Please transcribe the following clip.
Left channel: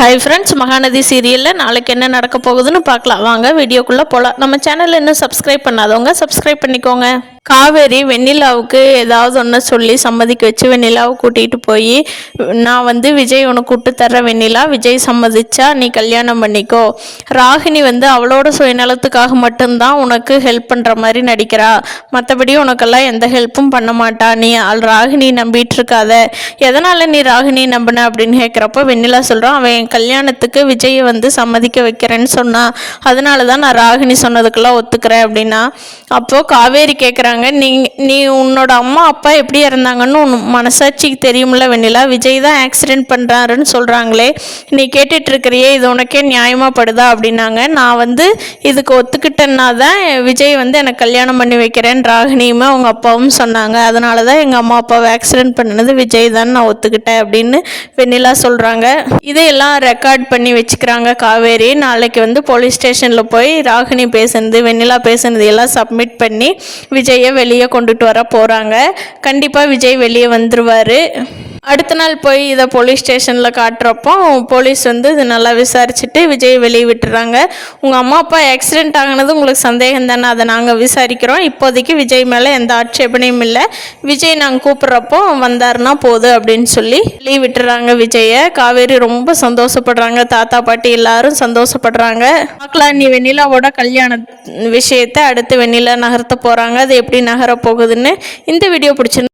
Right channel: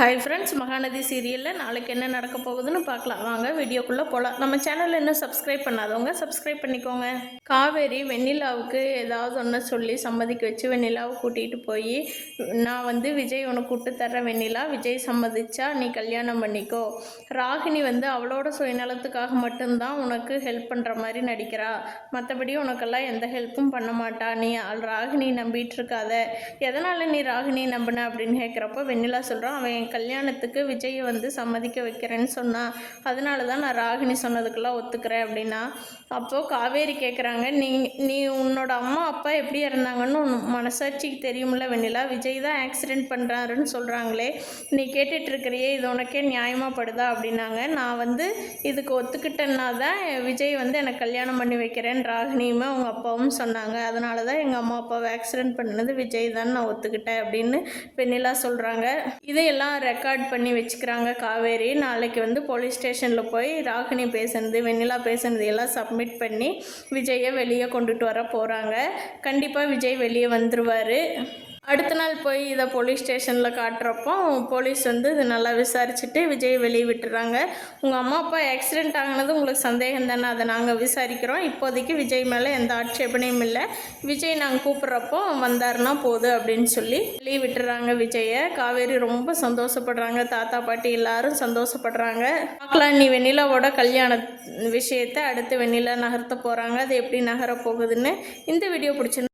Hi friends, Mahanadi சீரியலில் நாளைக்கு என்ன நடக்க போகுதுன்னு பார்க்கலாம். வாங்க வீடியோக்குள்ளே போகலாம். நம்ம சேனலில் இன்னும் சப்ஸ்கிரைப் பண்ணாதவங்க சப்ஸ்கிரைப் பண்ணிக்கோங்க. காவேரி வெண்ணிலாவுக்கு ஏதாவது ஒன்று சொல்லி சம்மதிக்க வச்சு வெண்ணிலாவை கூட்டிகிட்டு போய், நான் விஜய் உனக்கு கூப்பிட்டு தர்ற வெண்ணிலா, விஜய் சம்மதிச்சா நீ கல்யாணம் பண்ணிக்கோ. ராகினி அவளோட சுயநலத்துக்காக மட்டும்தான் உனக்கு ஹெல்ப் பண்ணுற மாதிரி நடிக்கிறா, மற்றபடி உனக்கெல்லாம் எந்த ஹெல்ப்பும் பண்ண மாட்டா. நீ ராகினி நம்பிட்டு இருக்காத. எதனால் நீ ராகினி நம்பின அப்படின்னு கேட்குறப்போ வெண்ணிலா சொல்கிறான், அவன் என் கல்யாணத்துக்கு விஜயை சம்மதிக்க வைக்கிறேன்னு சொன்னான், அதனால தான் நான் ராகினி சொன்னதுக்கெல்லாம் ஒத்துக்கிறேன் அப்படின்னா. அப்போது காவேரி கேட்குறாங்க, நீ உன்னோட அம்மா அப்பா எப்படி இறந்தாங்கன்னு உன் மனசாட்சிக்கு தெரியும்ல வெண்ணிலா, விஜய் தான் ஆக்சிடென்ட் பண்ணுறாருன்னு சொல்கிறாங்களே, நீ கேட்டுட்ருக்கிறியே, இது உனக்கே நியாயமாக படுதா அப்படின்னாங்க. நான் இதுக்கு ஒத்துக்கிட்டேன்னா தான் விஜய் எனக்கு கல்யாணம் பண்ணி வைக்கிறேன் ராகினியுமே அவங்க அப்பாவும் சொன்னாங்க, அதனால தான் எங்கள் அம்மா அப்பாவை ஆக்சிடென்ட் பண்ணது விஜய் தான் நான் ஒத்துக்கிட்டேன் அப்படின்னு வெண்ணிலா சொல்கிறாங்க. இதையெல்லாம் ரெக்கார்ட் பண்ணி வச்சுக்கிறாங்க காவேரி. நாளைக்கு போலீஸ் ஸ்டேஷனில் போய் ராகினி பேசுனது வெண்ணிலா பேசுனது எல்லாம் சப்மிட் பண்ணி விஜயை வெளியே கொண்டுட்டு வர போகிறாங்க. கண்டிப்பாக விஜய் வெளியே வந்துடுவார். அடுத்த நாள் போய் இதை போலீஸ் ஸ்டேஷனில் காட்டுறப்போ போலீஸ் இது நல்லா விசாரிச்சுட்டு விஜய் வெளியே விட்டுறாங்க. உங்கள் அம்மா அப்பா ஆக்சிடென்ட் ஆகினது உங்களுக்கு சந்தேகம் தானே, அதை நாங்கள் விசாரிக்கிறோம். இப்போதைக்கு விஜய் மேலே எந்த ஆட்சேபனையும் இல்லை, விஜய் நாங்கள் கூப்பிட்றப்போ வந்தாருன்னா போதும் அப்படின்னு சொல்லி வெளியே விட்டுறாங்க விஜயை. காவேரி ரொம்ப சந்தோஷப்படுறாங்க, தாத்தா பாட்டி எல்லாரும் சந்தோஷப்படுறாங்க. பார்க்கலாம் நீ வெண்ணிலாவோட கல்யாண விஷயத்தை அடுத்து வெண்ணிலா நகர்த்த போகிறாங்க, அது எப்படி நகர போகுதுன்னு. இந்த வீடியோ பிடிச்சிருந்து